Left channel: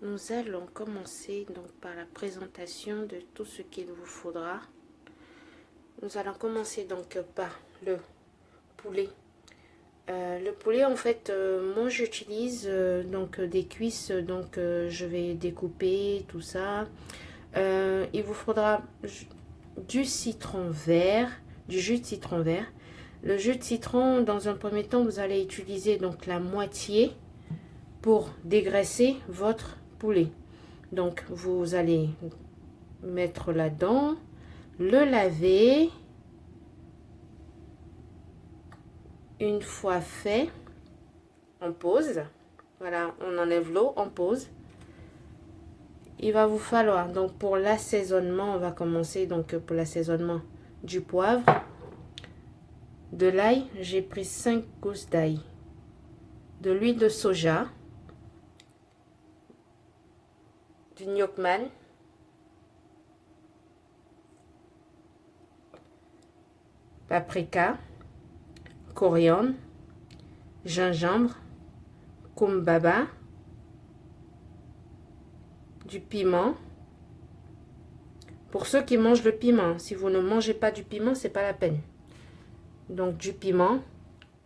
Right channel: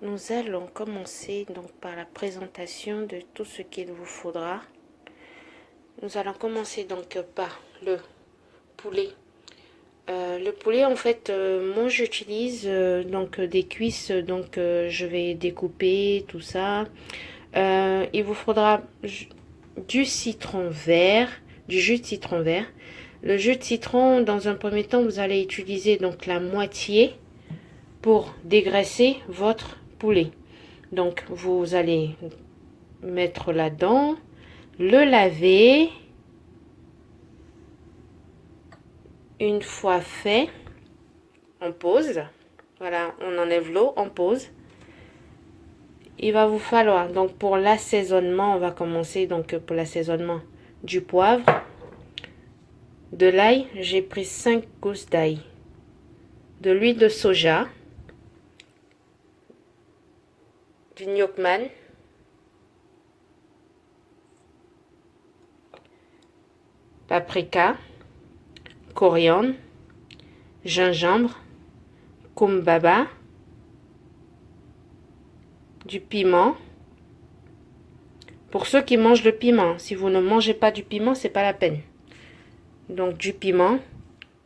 Nous allons commencer donc par la présentation de tout ce qu'il vous faudra. Nous allons commencer donc par le poulet. Le poulet, en fait, moi j'utilise donc des cuisses, donc je vais découper tout ça. Il vous faudra du citron vert, du jus de citron vert. Le jus de citron, dans un premier temps, vous allez utiliser donc la moitié pour dégraisser votre poulet. Donc vous allez mettre là-dedans, le laver. Une fois fait, on pose. Voilà, on enlève l'eau, on pose. Il va vous falloir, donc pour l'assaisonnement, on va commencer donc pour l'assaisonnement du poivre, de l'ail. J'ai pris 5 gousses d'ail, de l'huile de soja, du gnocchi, paprika, coriandre, gingembre, kumbaba, du piment. Pour ceux qui mangent le piment, si vous ne mangez pas du piment, c'est pas la peine. Donc du piment,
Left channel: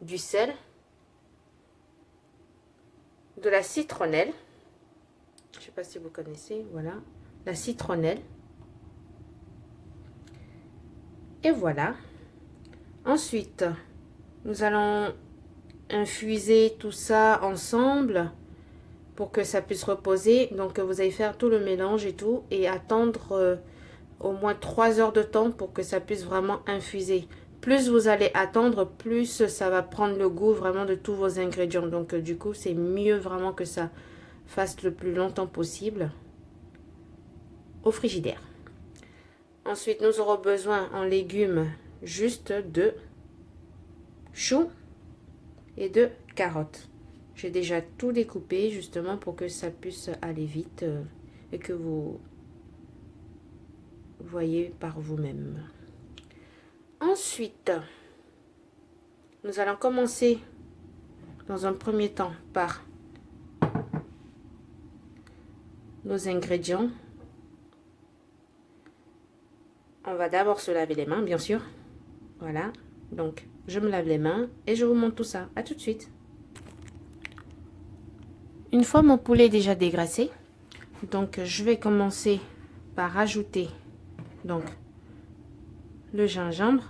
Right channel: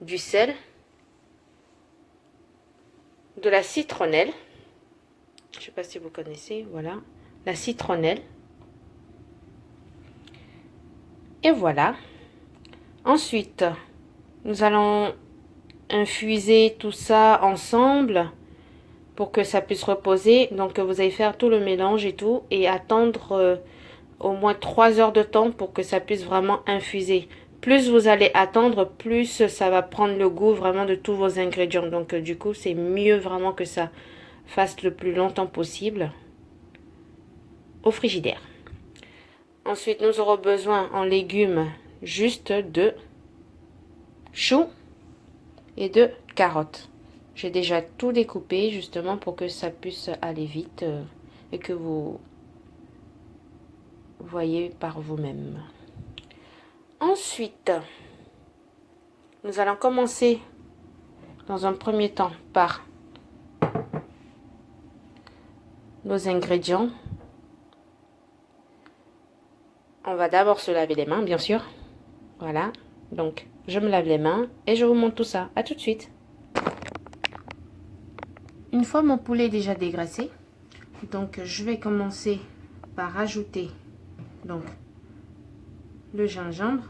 du sel, de la citronnelle. Je sais pas si vous connaissez, voilà, la citronnelle. Et voilà. Ensuite, nous allons infuser tout ça ensemble pour que ça puisse reposer. Donc vous allez faire tout le mélange et tout et attendre au moins 3 heures de temps pour que ça puisse vraiment infuser. Plus vous allez attendre, plus ça va prendre le goût vraiment de tous vos ingrédients. Donc du coup, c'est mieux vraiment que ça fasse le plus longtemps possible au frigidaire. Ensuite, nous aurons besoin en légumes juste de choux et de carottes. J'ai déjà tout découpé justement pour que ça puisse aller vite et que vous voyez par vous-même. Ensuite, nous allons commencer dans un premier temps par nos ingrédients. On va d'abord se laver les mains, bien sûr. Voilà, donc je me lave les mains et je vous montre tout ça. À tout de suite. Une fois mon poulet déjà dégraissé, donc je vais commencer par ajouter donc le gingembre,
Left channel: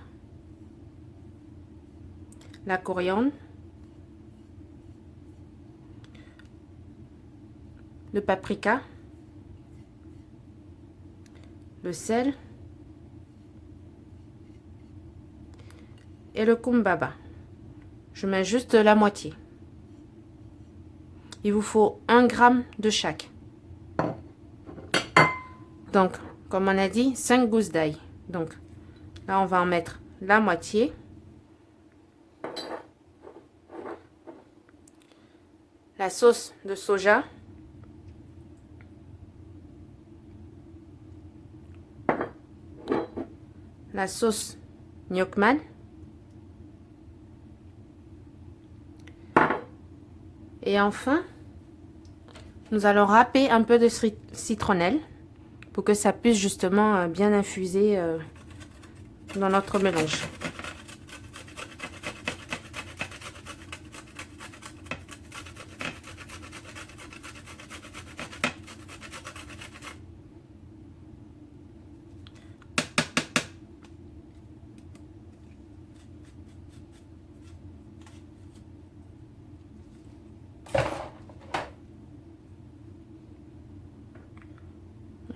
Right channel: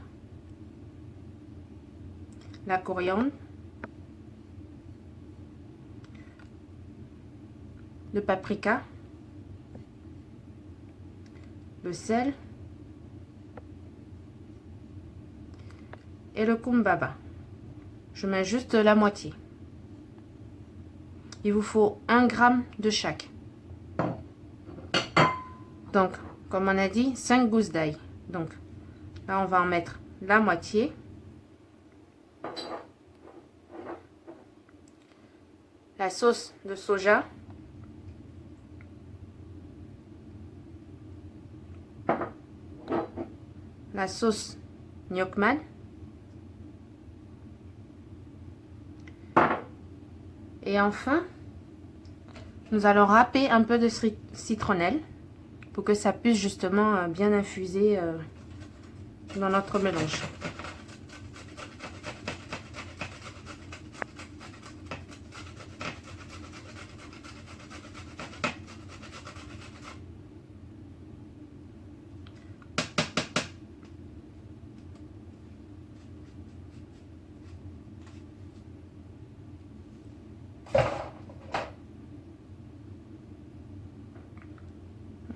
la coriandre, le paprika, le sel et le kumbaba. Je mets juste la moitié. Il vous faut 1 gramme de chaque. Donc, comme on a dit, 5 gousses d'ail. Donc, là, on va en mettre la moitié. La sauce de soja. La sauce gnocchi. Et enfin, nous allons râper un peu de citronnelle pour que ça puisse justement bien infuser dans notre mélange.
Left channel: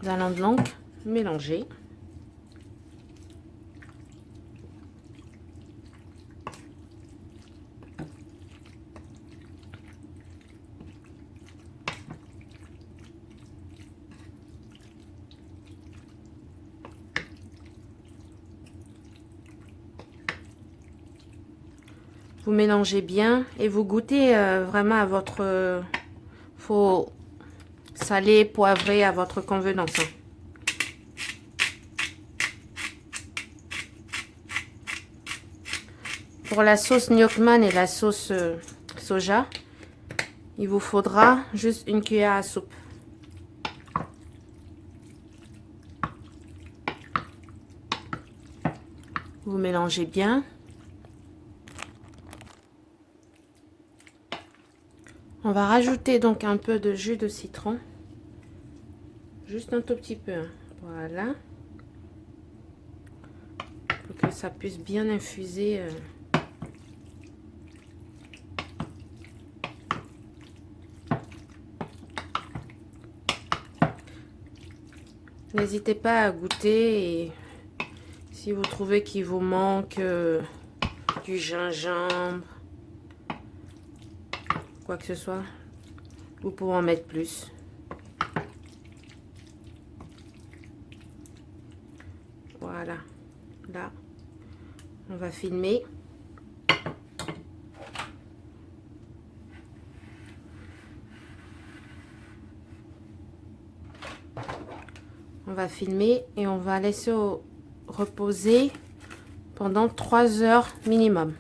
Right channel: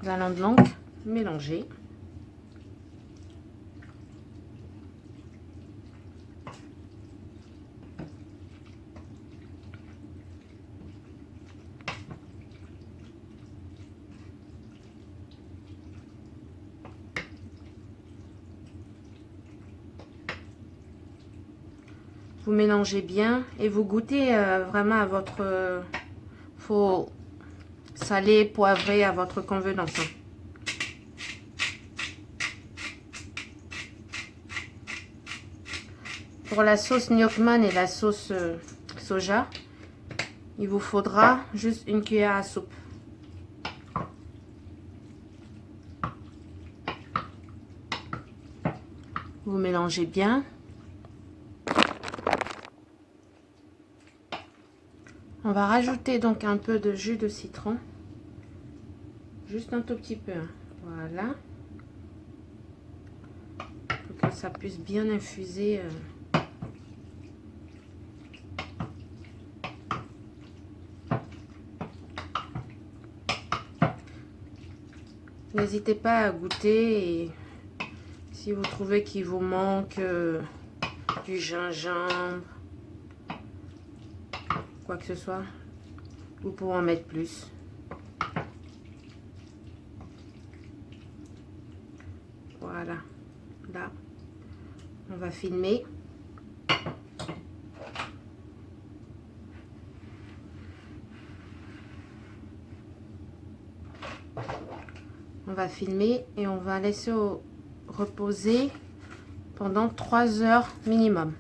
Nous allons donc mélanger. Vous mélangez bien et vous goûtez vraiment à votre... faut saler, poivrer à votre convenance. Pour la sauce gnocchi et la sauce soja, il vous faudra juste 1 cuillère à soupe. Vous mélangez bien. On va rajouter donc un peu de jus de citron. Juste un tout petit peu. Hein. Voilà. Pour que ça puisse bien infuser. N'hésitez pas à goûter et si vous trouvez qu'il vous manque du gingembre, quoi que ce soit, vous pouvez en mettre plus. Voilà, là, on va filmer. On va filmer et on va laisser reposer pendant 3 heures minimum.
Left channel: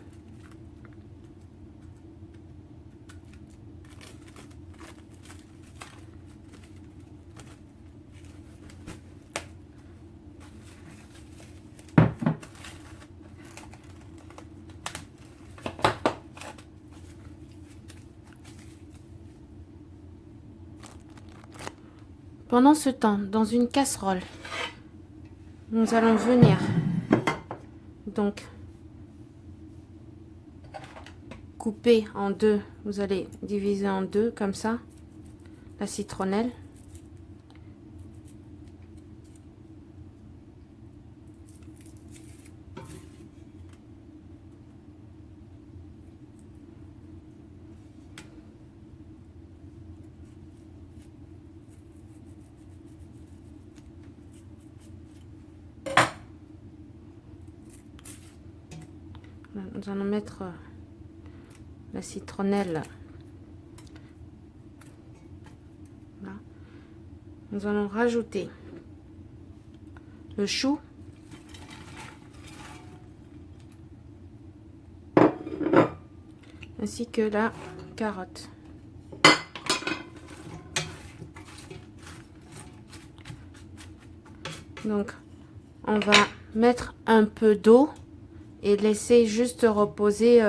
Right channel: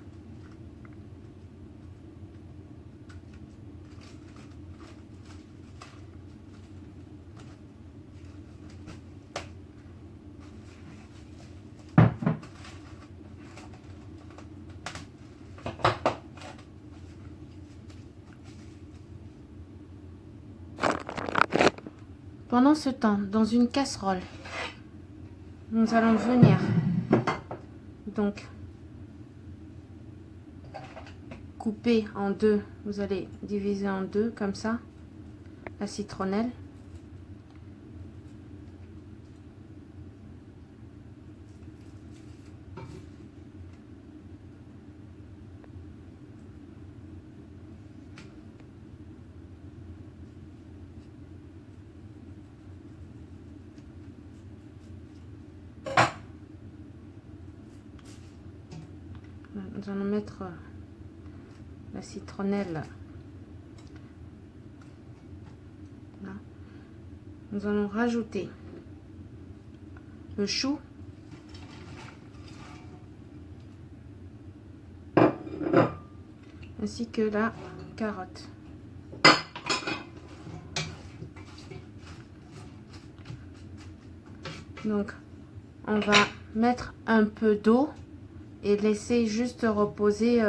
Pendant ce temps, dans une casserole, nous allons venir donc couper en deux. Vous allez diviser en deux comme ça la citronnelle. Nous allons mettre la citronnelle là. Nous allons rajouter le chou, ainsi que la carotte. Donc on va mettre un peu d'eau et laisser juste reposer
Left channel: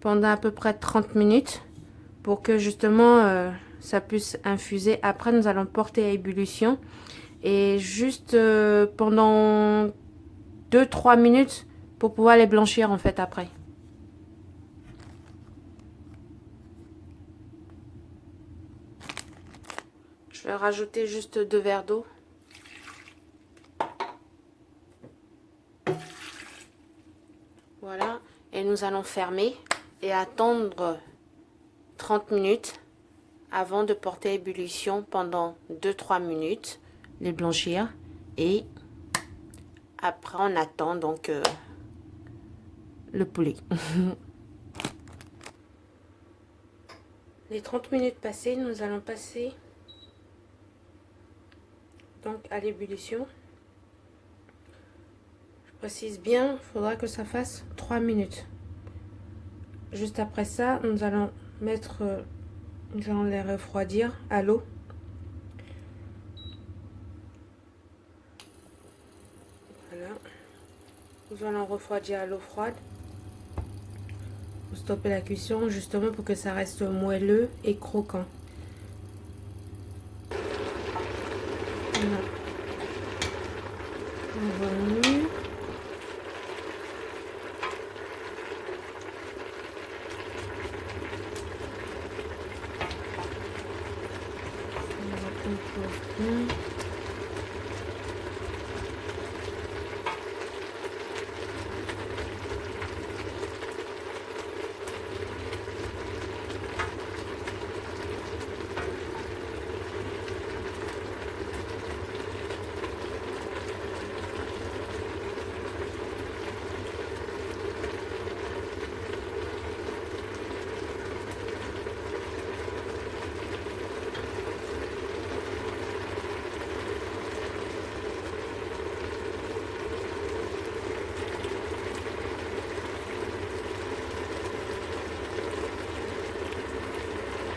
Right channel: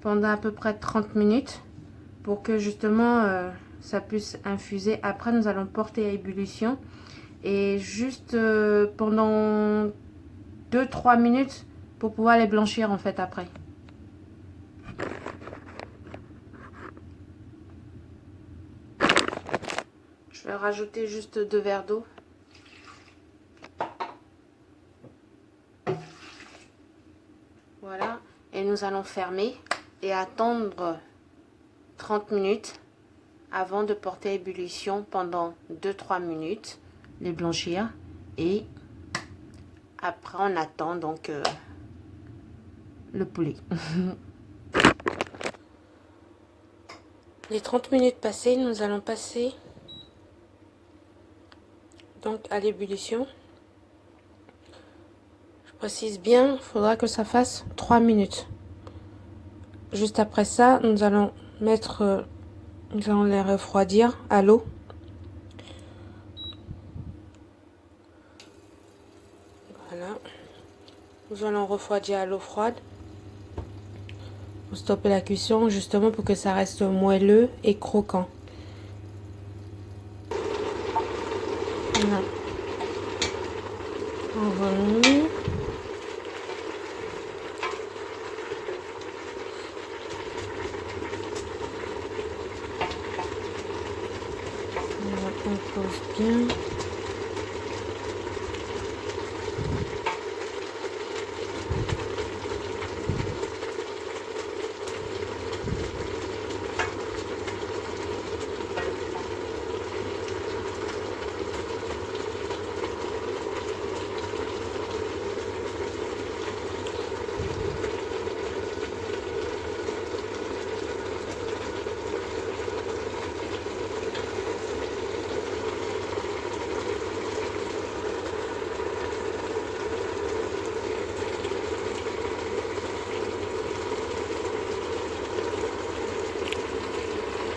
pendant à peu près 30 minutes pour que justement ça puisse infuser. Après nous allons porter à ébullition et juste pendant 2-3 minutes pour pouvoir les blanchir en fait après. Je vais rajouter juste 2 verres d'eau. Voilà, et nous allons fermer et attendre 30 minutes avant de porter à ébullition pendant 2-3 minutes, les blanchir, et après on attend donc le poulet. Les 30 minutes passées, nous allons passer donc à l'ébullition. Précise bien, il faudra que ça fasse 3 minutes. Juste après ça, nous allons mettre, nous allons les refroidir à l'eau. Voilà. Nous allons refroidir à l'eau froide pour stopper la cuisson, justement pour que ça reste moelleux et croquant. Voilà. Voilà. On pose bien.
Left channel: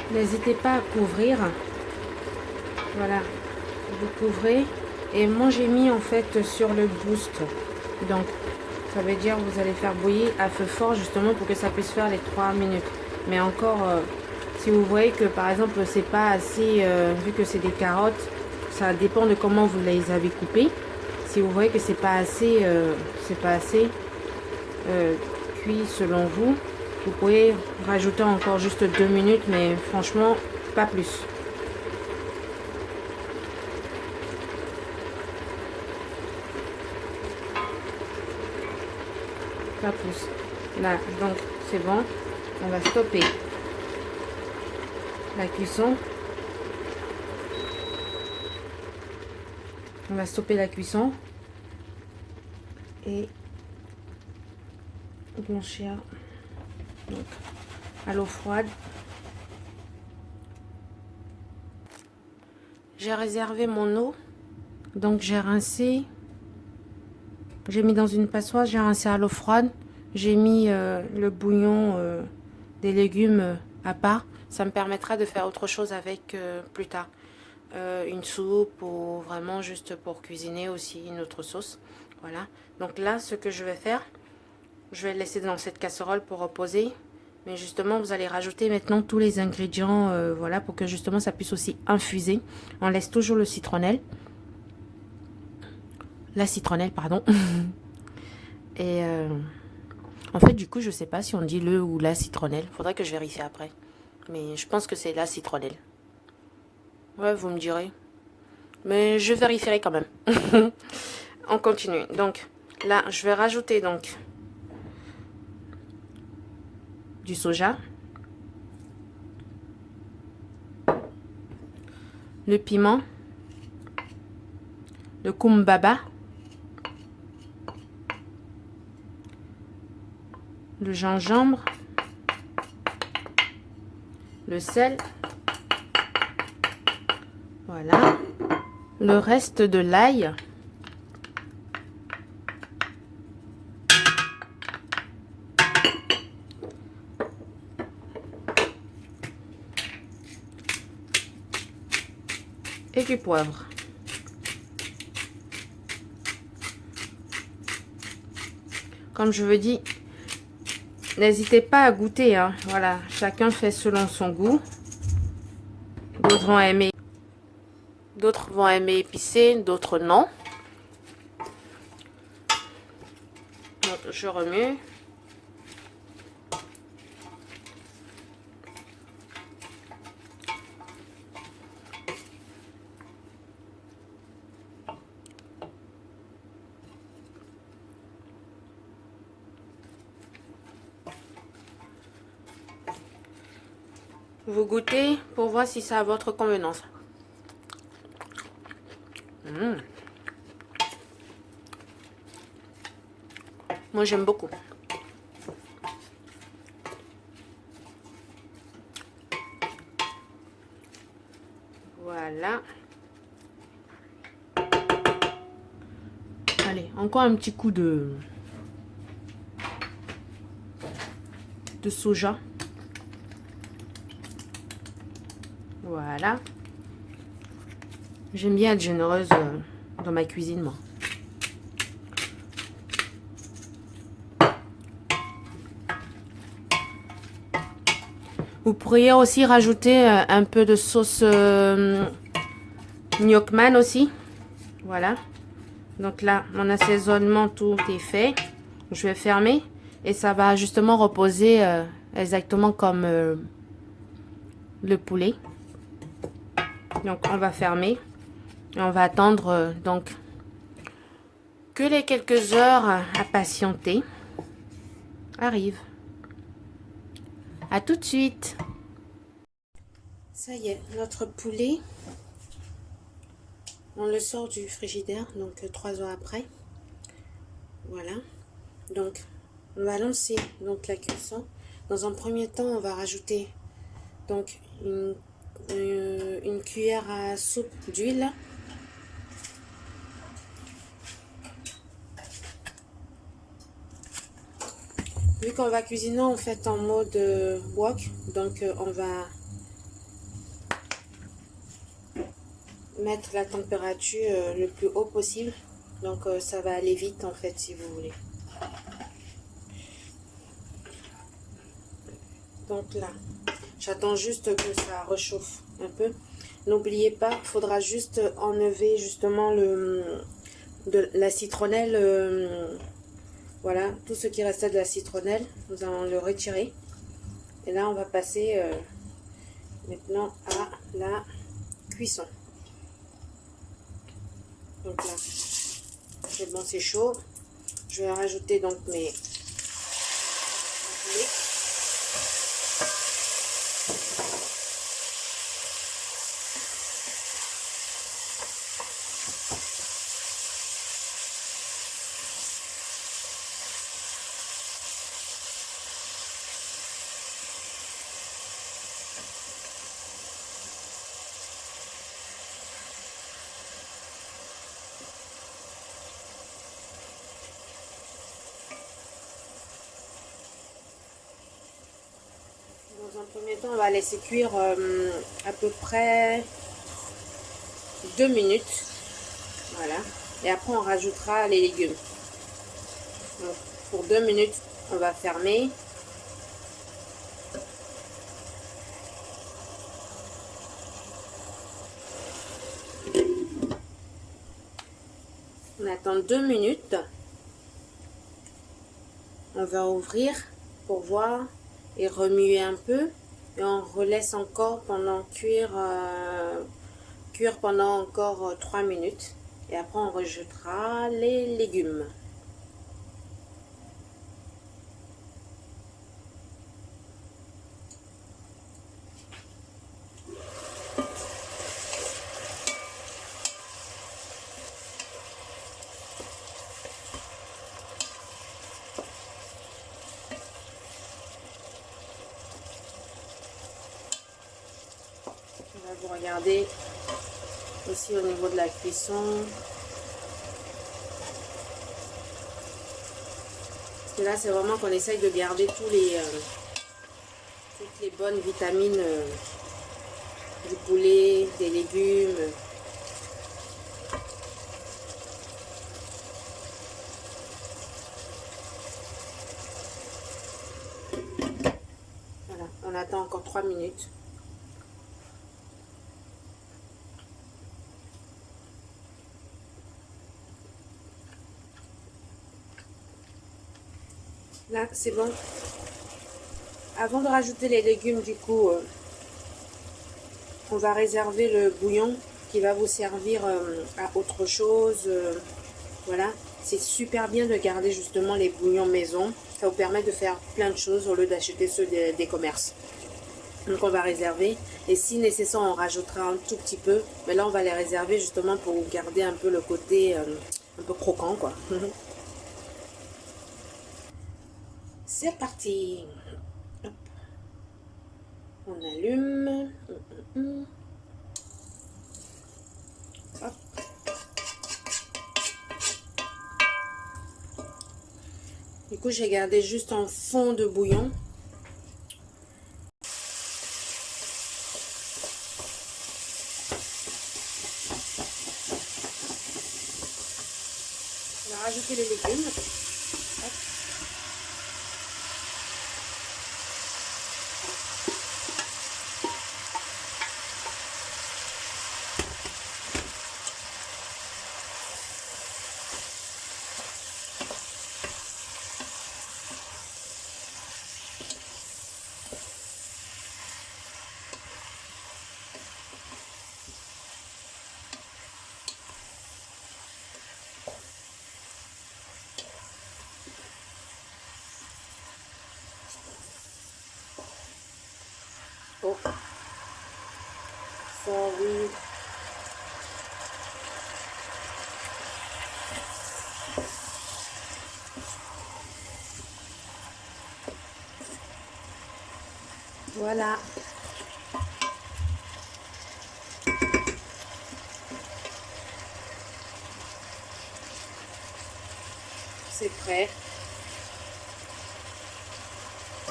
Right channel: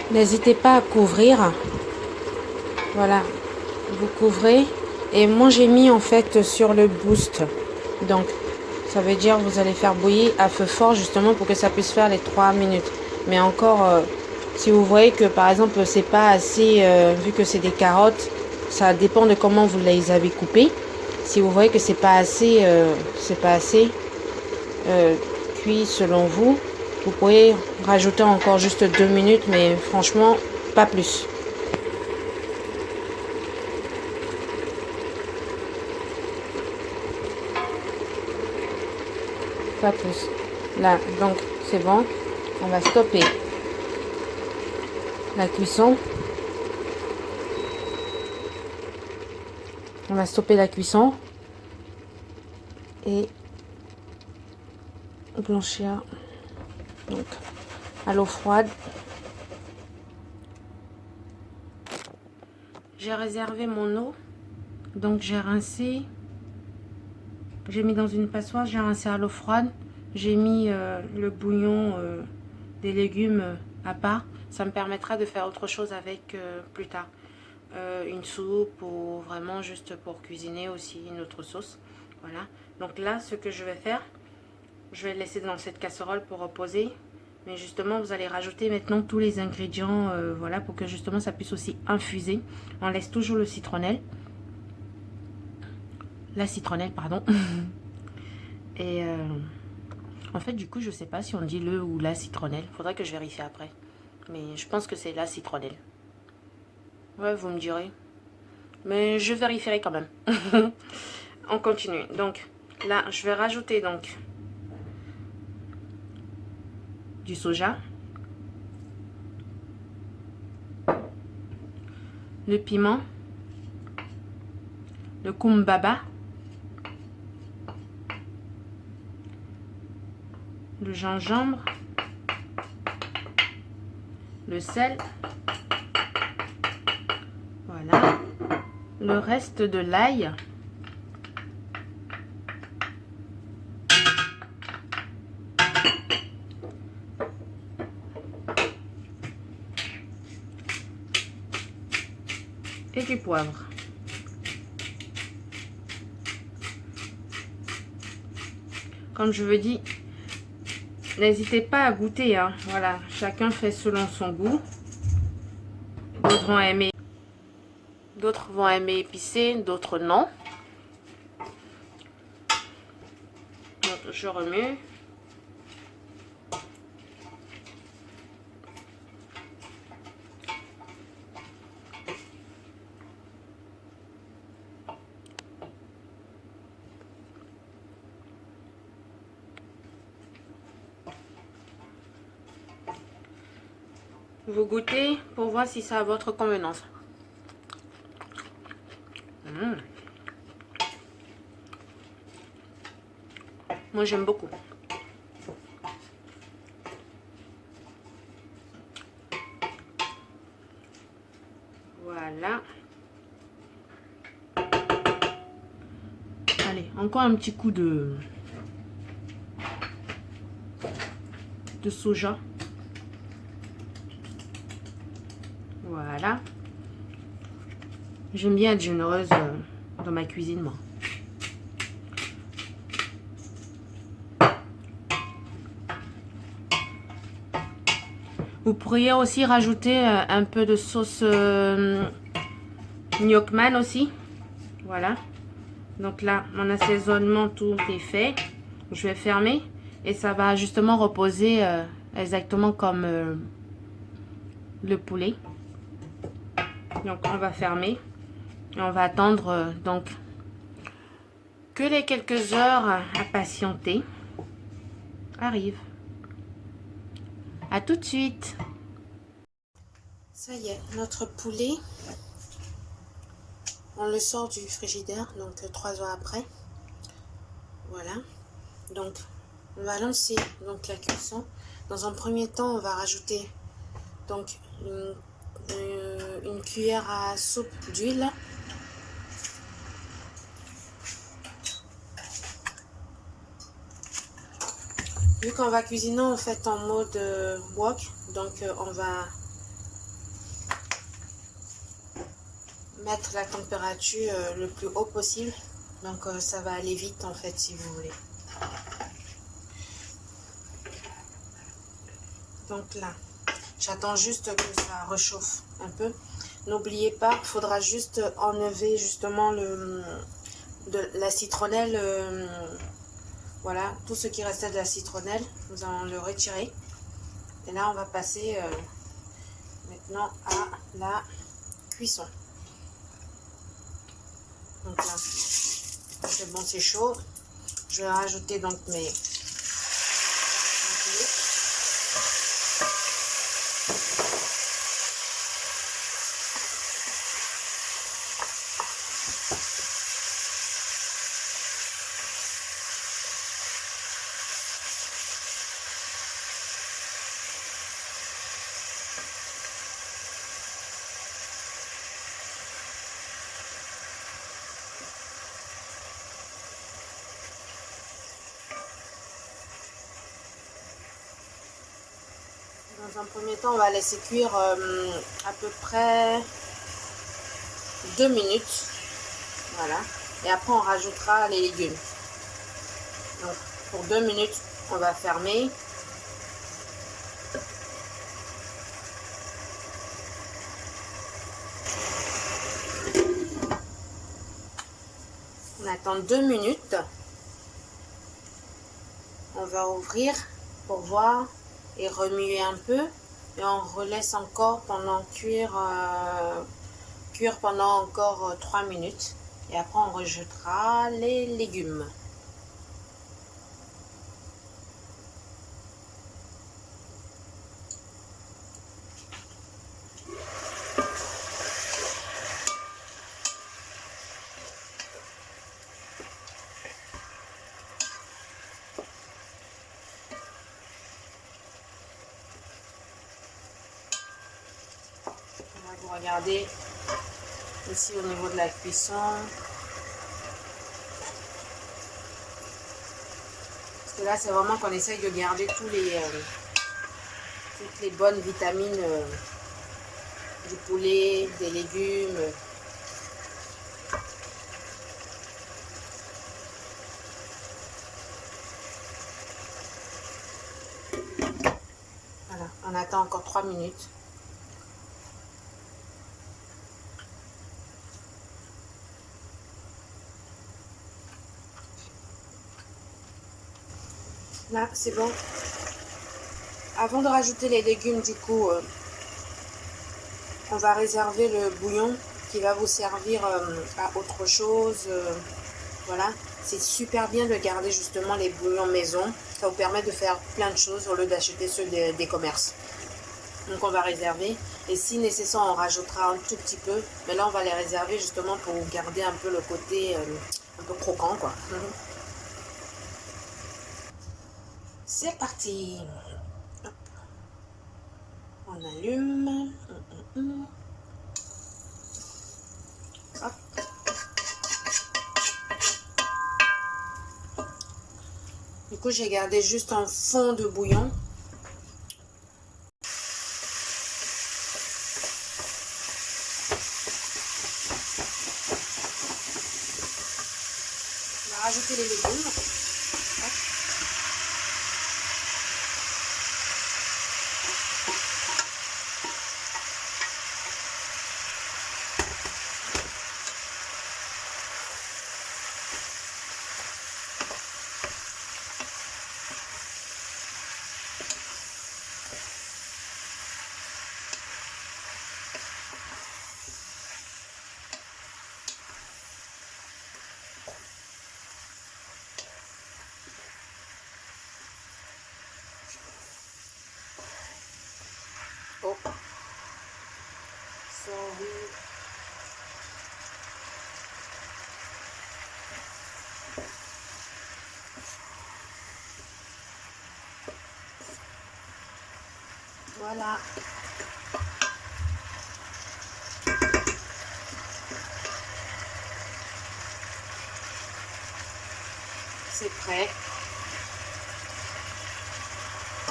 N'hésitez pas à couvrir. Voilà, vous couvrez. Et moi j'ai mis en fait sur le boost. Donc Ça veut dire que vous allez faire bouillir à feu fort justement pour que ça puisse faire les 3 minutes. Mais encore, si vous voyez que par exemple c'est pas assez, vu que c'est des carottes, ça dépend de comment vous les avez coupées. Si vous voyez que c'est pas assez, cuit selon vous, vous pouvez rajouter encore juste 2 minutes, mais franchement pas plus. Pas plus. Là, donc c'est bon. On va stopper la cuisson. On va stopper la cuisson et blanchir donc à l'eau froide. J'ai réservé mon eau, donc j'ai rincé. J'ai mis dans une passoire, j'ai rincé à l'eau froide. J'ai mis le bouillon des légumes à part. Ça me permettra de faire autre chose avec plus tard. Une soupe ou vraiment juste pour cuisiner aussi une autre sauce. Voilà. Donc là, ce que je vais faire, je vais le laisser dans cette casserole pour reposer. Mais justement, vous allez rajouter maintenant tous les ingrédients, voilà, pour que justement ça puisse aussi infuser. On laisse toujours le citronnelle. La citronnelle, pardon. Et en fait, du coup, je sais pas si on dit le ou la citronnelle. Faudrait que je vérifie après. Mais je pense que c'est la citronnelle. Ouais, vous me direz. Mais je vérifierai quand même. On continue. Donc, là, je vais rajouter donc du soja. Le piment. Le kumbaba. Le gingembre. Le sel. Voilà. Le reste de l'ail. Et du poivre. Comme je vous dis, n'hésitez pas à goûter, hein. Voilà, chacun fait selon son goût. D'autres vont aimer épicé, d'autres non. Donc, je remue. Vous goûtez pour voir si ça a votre convenance. Moi, j'aime beaucoup. Voilà. Allez, encore un petit coup de soja. Voilà. J'aime bien être généreuse dans ma cuisine, moi. Vous pourriez aussi rajouter un peu de sauce gnocchman aussi. Voilà. Donc là, mon assaisonnement, tout est fait. Je vais fermer et ça va justement reposer exactement comme le poulet. Donc on va fermer et on va attendre donc que les quelques heures à patienter arrivent. À tout de suite. Ça y est, notre poulet, on le sort du frigidaire, donc 3 heures après. Voilà. Donc, on va lancer donc la cuisson. Dans un premier temps, on va rajouter donc une cuillère à soupe d'huile. Vu qu'on va cuisiner en fait en mode wok, donc on va mettre la température le plus haut possible. Donc ça va aller vite en fait si vous voulez. Donc là, j'attends juste que ça réchauffe un peu. N'oubliez pas, il faudra juste enlever justement la citronnelle. Voilà, tout ce qui restait de la citronnelle, nous allons le retirer. Et là, on va passer maintenant à la cuisson. Donc là, c'est bon, c'est chaud. Je vais rajouter donc mes poulet. Dans un premier temps, on va laisser cuire à peu près 2 minutes. Voilà. Et après, on rajoutera les légumes. Donc, pour 2 minutes, on va fermer. On attend 2 minutes. On va ouvrir pour voir et remuer un peu. Et on relaisse encore pendant cuire pendant encore 3 minutes. Et après, on rejettera les légumes. Vous regardez ici au niveau de la cuisson. Parce que là, c'est vraiment qu'on essaye de garder toutes les bonnes vitamines du poulet, des légumes. Voilà, on attend encore 3 minutes. Là, c'est bon. Avant de rajouter les légumes, du coup, on va réserver le bouillon qui va vous servir à autre chose. Voilà, c'est super bien de garder justement les bouillons maison. Ça vous permet de faire plein de choses au lieu d'acheter ceux des commerces. Donc on va réserver. Et si nécessaire, on rajoutera un tout petit peu. Mais là, on va les réserver justement pour garder un peu le côté un peu croquant, quoi. C'est parti. Hop. On allume. Hop. Du coup, j'ai gardé juste un fond de bouillon. On va rajouter les légumes. Hop. Oh. Servi. Voilà. C'est prêt.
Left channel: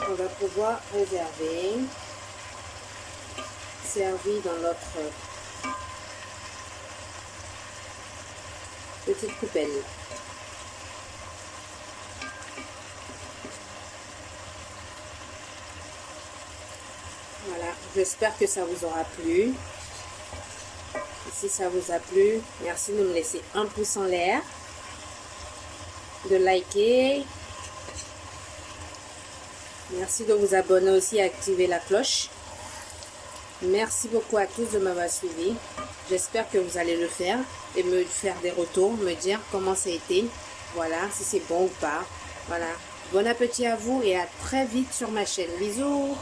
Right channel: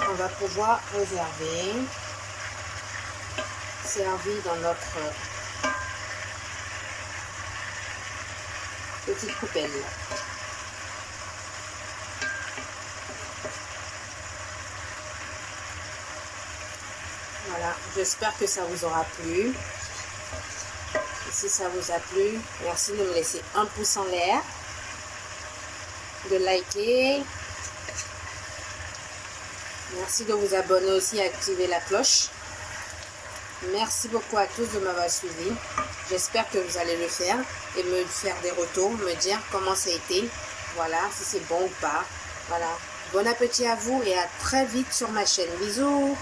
On va pouvoir réserver. Servi dans notre petite coupelle. Voilà, j'espère que ça vous aura plu. Et si ça vous a plu, merci de me laisser un pouce en l'air, de liker. Merci de vous abonner aussi et activer la cloche. Merci beaucoup à tous de m'avoir suivi. J'espère que vous allez le faire et me faire des retours, me dire comment ça a été. Voilà, si c'est bon ou pas. Voilà. Bon appétit à vous et à très vite sur ma chaîne. Bisous!